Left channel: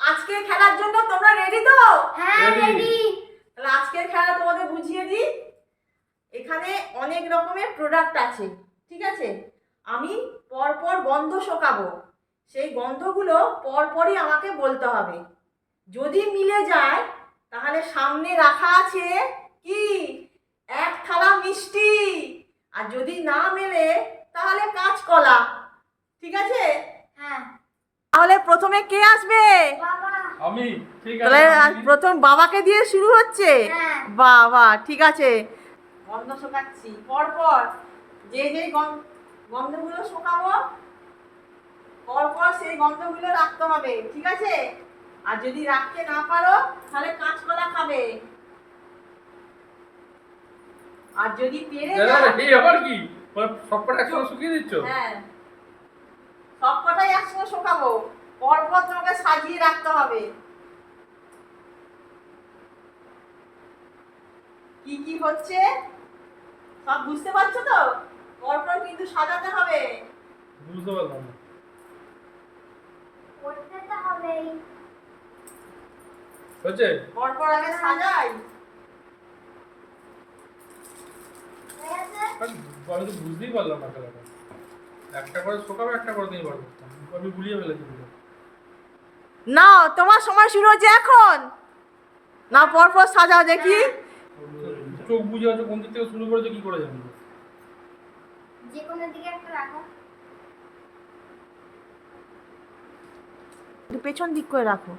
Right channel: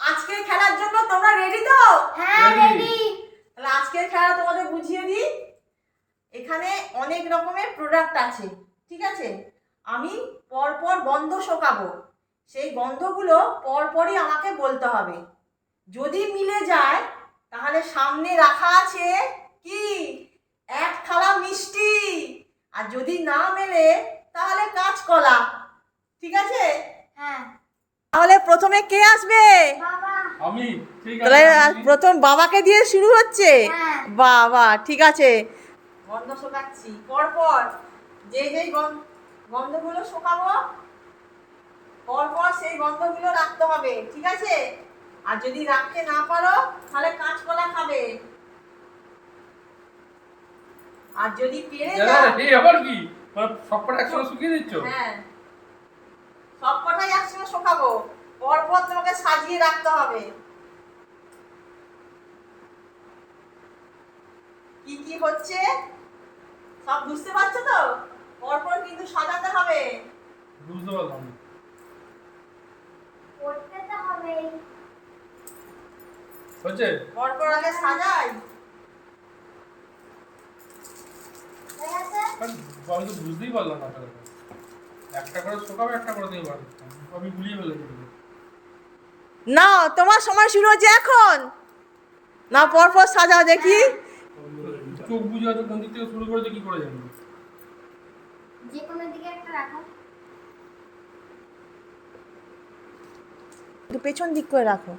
আজকের খেলার জন্য তোমরা রেডি তো? হ্যাঁ. রেডি তাহলে আজকের খেলা তোমাদের বুঝিয়ে দিই। এখানে অনেক রকমের প্রোডাক্ট আছে ঠিক আছে? আমি পরপর গন্ধ শোকাবো। সেই গন্ধগুলো পরপরই আমাকে বলতে হবে। যদি মিলে যায় তাহলে সামনে রাখা আছে কি? এক থালা মিষ্টি। আর যদি না মেলে তাহলে কাঁচকলা ঠিক আছে? হ্যাঁ। তাহলে প্রথমে কে আসবে? আমি তাহলে প্রথম বাবাকে দিয়ে শুরু হচ্ছে? হ্যাঁ। বাবা ঠিক আছে। গন্ধ শোকাচ্ছি। পরপর যে যে গন্ধগুলো শোকাবো পরপর সেই গন্ধগুলো রাখতে হবে ঠিক আছে? আর যদি রাখতে না পারো তাহলে কাঁচকলা খাবে। আর যদি পেরে যাও এই আবার কি? সবকটা একসঙ্গে শুকিয়ে দিচ্ছ? হ্যাঁ। একসঙ্গে শোকাবো পরপর তোমাকে সাজিয়ে রাখতে হবে। কি কি হচ্ছে? সব বুঝতে পারছ তো? পরপর কিন্তু সাজাতে হবে। বুঝতে পারলাম। করতে তো হবেই। হচ্ছে? পরপর আগে সাজাই। আমি তো বুঝতেই পারলাম না একটা করে শোকাবে একটা করে নিয়ে পারব আমি গুলিয়ে ফেলেছি না তোমার সময় শুরু হচ্ছে এখন। না পরপর সাজাও দেখি। চোখ বুঝে আছে কোন দিক থেকে শুরু করেছে কি করে জানব? যে কোনো দিকে একটা রাখো। একটু পেছন দিক করে রাখো।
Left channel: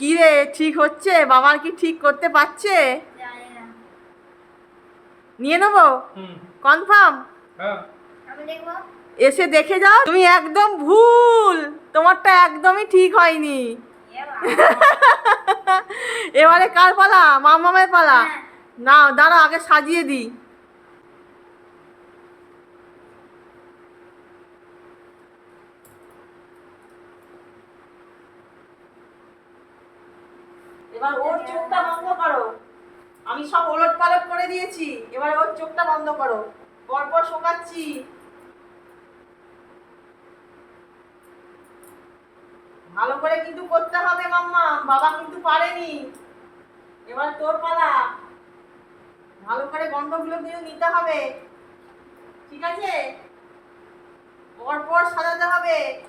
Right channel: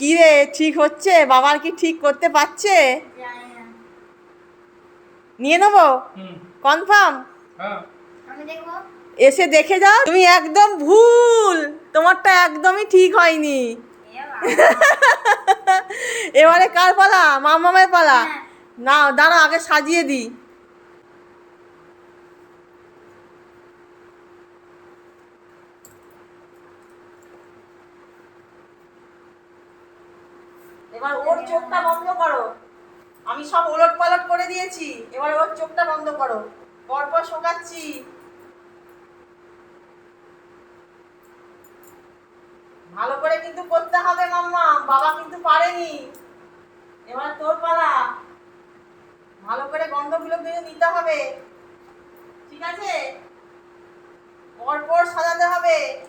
কি রে ঠিক হচ্ছে? বাবার কি ঠিক করতে পারছে? নিয়ে নেব? কনফার্ম? হ্যাঁ। আমি দেখব। এসে দেখে যাও তুমি একদম ভুল। তোমারটা একদমই ঠিক হয়নি। এবারে কার পালা? মামামের পালা? হ্যাঁ। না দাঁড়া আগে সাজিয়ে দিই। এবার ওর চোখটা বন্ধ করো। আমি সব ওলট পালট করে দিয়েছি। এবার ওর চোখটা বন্ধ করো। পরপর শোকাচ্ছি। ভালো করে কিন্তু করতে হবে মাম্মা, বাবা কিন্তু পারেনি। এবার তোর পালা। ভালো করে গন্ধগুলো কিন্তু নিতে হবে। ঠিক আছে? পর পর সাজাতে হবে।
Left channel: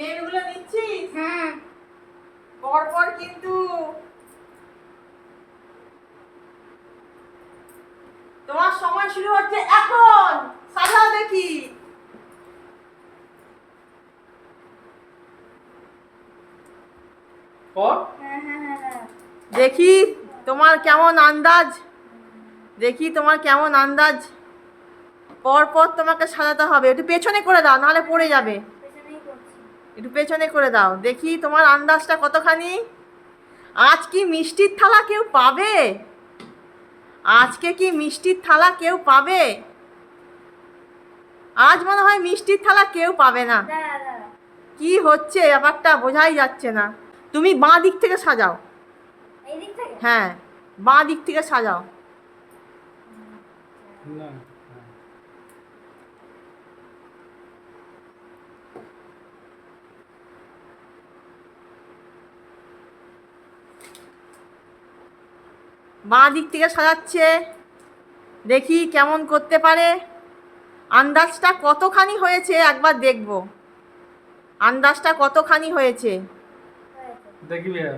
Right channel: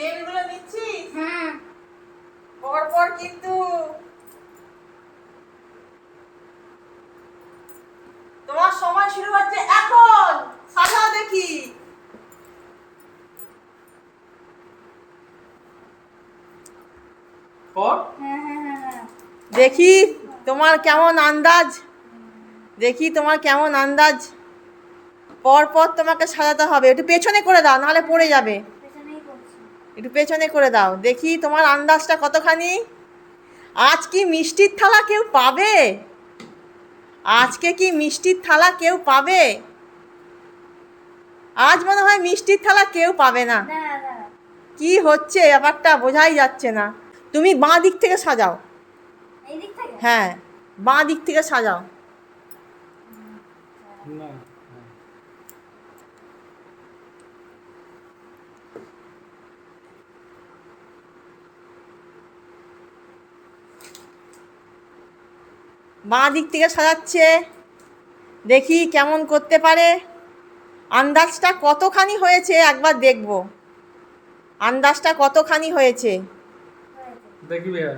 স্মেলগুলো নিচ্ছিস? হুম। পর পর কিন্তু তোমার সময় শুরু হচ্ছে এখন। সাজাও দেখি। হ্যাঁ হ্যাঁ হ্যাঁ হ্যাঁ। দেখি তোমার কেমন আন্দাজ। দেখি তোমার কেমন আন্দাজ। পর পর তোমাকে সাজাতে হবে। একটু পেছনে করে দাও নাহলে পড়ে যাবে। একটু পেছনে করে দাও। দেখি তোমার আন্দাজটা কতখানি? আজ কি মিষ্টির থালা কেউ পাবে? আজকে কি মিষ্টির থালা কেউ পাবে? আজ মনে হয় মিষ্টির থালা কেউ পাবে না। কি হচ্ছে? ব্যাপারটা বোঝাই যাচ্ছে না। তুমি বাঁ দিক থেকে সাজাও। এই দিক থেকে? হ্যাঁ বাঁ দিক থেকে সাজাও। বাঁ দিক থেকে সাজাচ্ছে। দেখি কেমন করতে পারে। আন্দাজটা কতখানি হয়েছে একবার দেখব। আন্দাজটা কতখানি হয়েছে? হ্যাঁ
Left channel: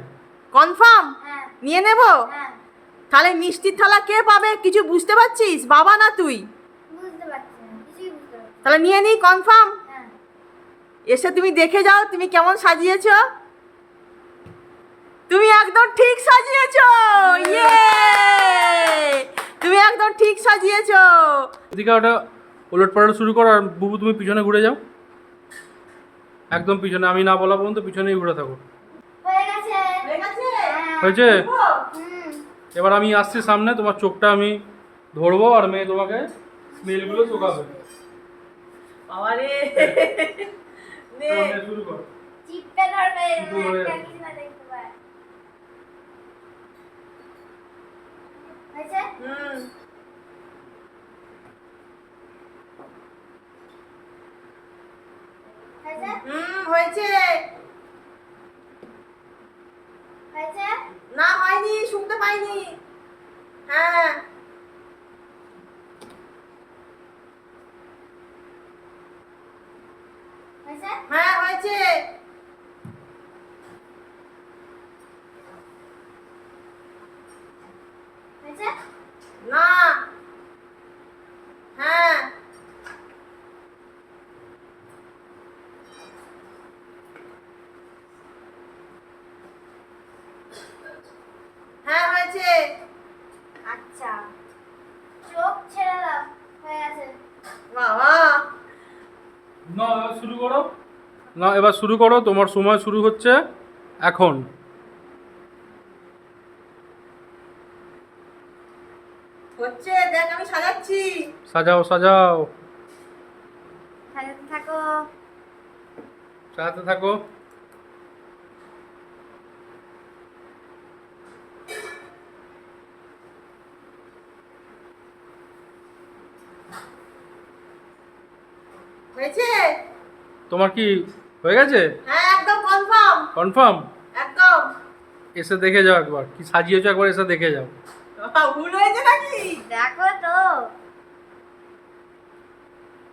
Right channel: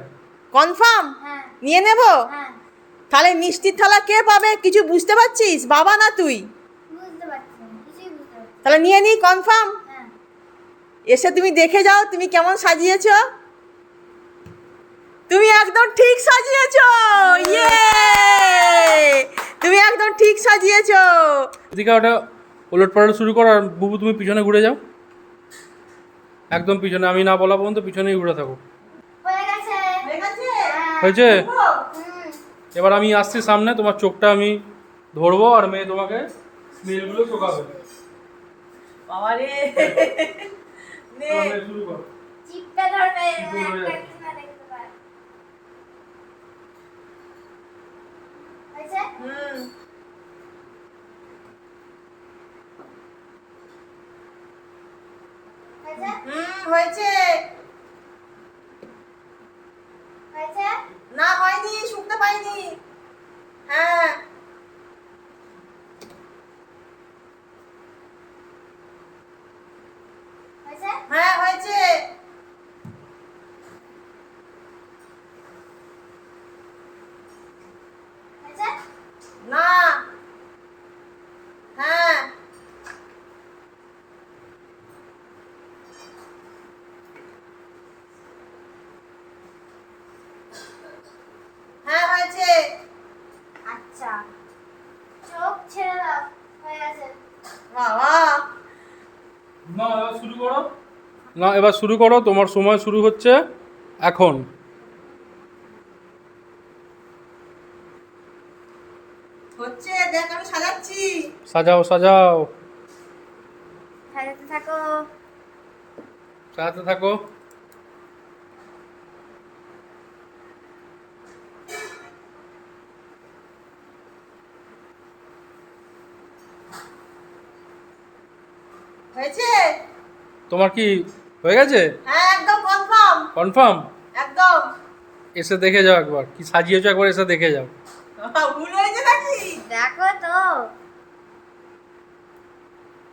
কনফার্ম? হ্যাঁ। নিয়ে নেব? হ্যাঁ। তাহলে মিষ্টির থালা কে পাবে? কিছু বুঝতে পারছিস? বাবা না তুই? না তাহলে নিয়ে নিই কনফার্ম? হ্যাঁ। এসে তুমি দেখে যাও তুমি কেমন সাজিয়েছো? তুমি একদম ঠিক সাজিয়েছ। ইয়ে তুমি একদম ঠিক সাজিয়েছো। এদিকে ওটা ওলট পালট শুরু করো আর বুবু তুমি পিছনে ঘুরে যাও। একদম পিছনে আমি না বলা পর্যন্ত পিছনেই ঘুরে থাকো। হয়ে গেছে। হয়ে গেছে? হ্যাঁ। হয়েছে? এবার আমি আসছি সামনে তোমার চোখটা আমি ধরবো আর মেয়ে তোমাকে স্মেলগুলো চোখাবে। মেয়ে শুরু কর চিপটা ধরবে চিপটা ধরে একটা আছে। কিছু না দেখতে পায় হয়েছে হুম। হয়েছে? হুম হয়েছে। হয়েছে? না হয়নি শুনতে পাইনি হ্যাঁ হয়েছে হ্যাঁ হয়েছে হয়েছে না হ্যাঁ হয়েছে আচ্ছা। চোখ ছেড়ে দাও হয়ে গেছে। বাবা। না এবার শুরু করো। না এবার শুরু করো তোমার সময় শুরু হচ্ছে এখন। হচ্ছে দেখ আমি সাজাচ্ছি। সাজাও সাজাও। সাজাতে থাকো। সাজাতে থাকো। হয়েছে? তোমার কি হয়ে গেছে? হ্যাঁ একদম কনফার্ম কনফার্ম একদম। এসে দেখে যাও একবার। কি সাজিয়েছো একবার এসে দেখে যাও। ভুল হয়েছে নাকি? দেখো তো।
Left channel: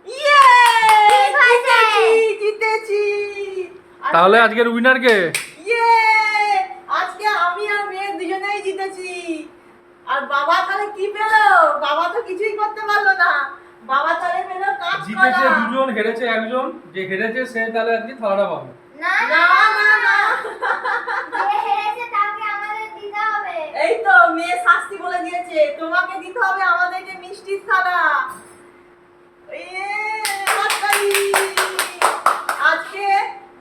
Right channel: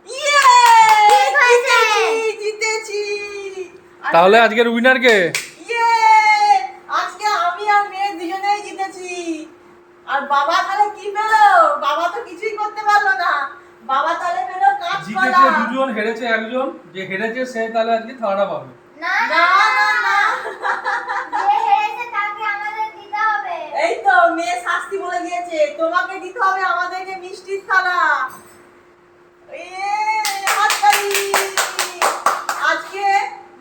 ইয়ে! জিতেছি জিতেছি। তাহলে আজকের উইনার কে? ইয়ে! আজকে আমি আর মেয়ে দুজনেই জিতেছি। আর বাবা তাহলে কি পেল? বাবা তো কিছুই করতে পারল না। বাবা তাহলে কাঁচকলা দুজন হেরেছে একজন। যে হেরেছে সে তাহলে আজকে থালাটা পাবে। না না না না যে হেরেছে তাকে আমাদের দিতে হবে। এই তো মেয়ে শাস্তি বলে দিয়েছে। তোমাকে দিতে হবে আমাদেরকে মিষ্টির থালা। আজকে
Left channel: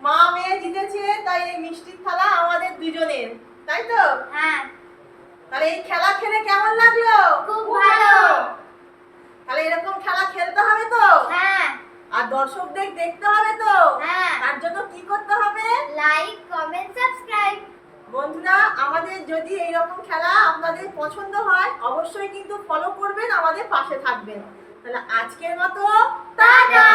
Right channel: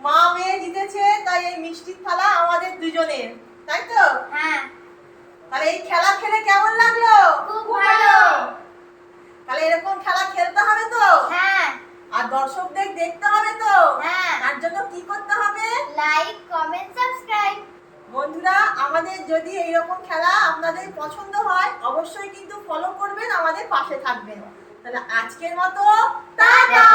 মা মেয়ে জিতেছে তাই এই মিষ্টির থালা আমাদের দুজনের। তাই তো? হ্যাঁ। তাহলে এই খেলা খেলে কেমন লাগল? খুব ভালো। তাহলে এরকম খেলা খেলতে হবে তো? হ্যাঁ। আর দর্শকদের দেখতে হবে তো? হ্যাঁ। তার জন্য কি করতে হবে? লাইক কমেন্ট সাবস্ক্রাইব বন্ধুরা আমাদের যদি এইরকম খেলা আপনাদের পছন্দ হয় অবশ্যই কিন্তু ফলো করবেন আমাদের পাশে থাকবেন। তাহলে আজকের মতো টাটা!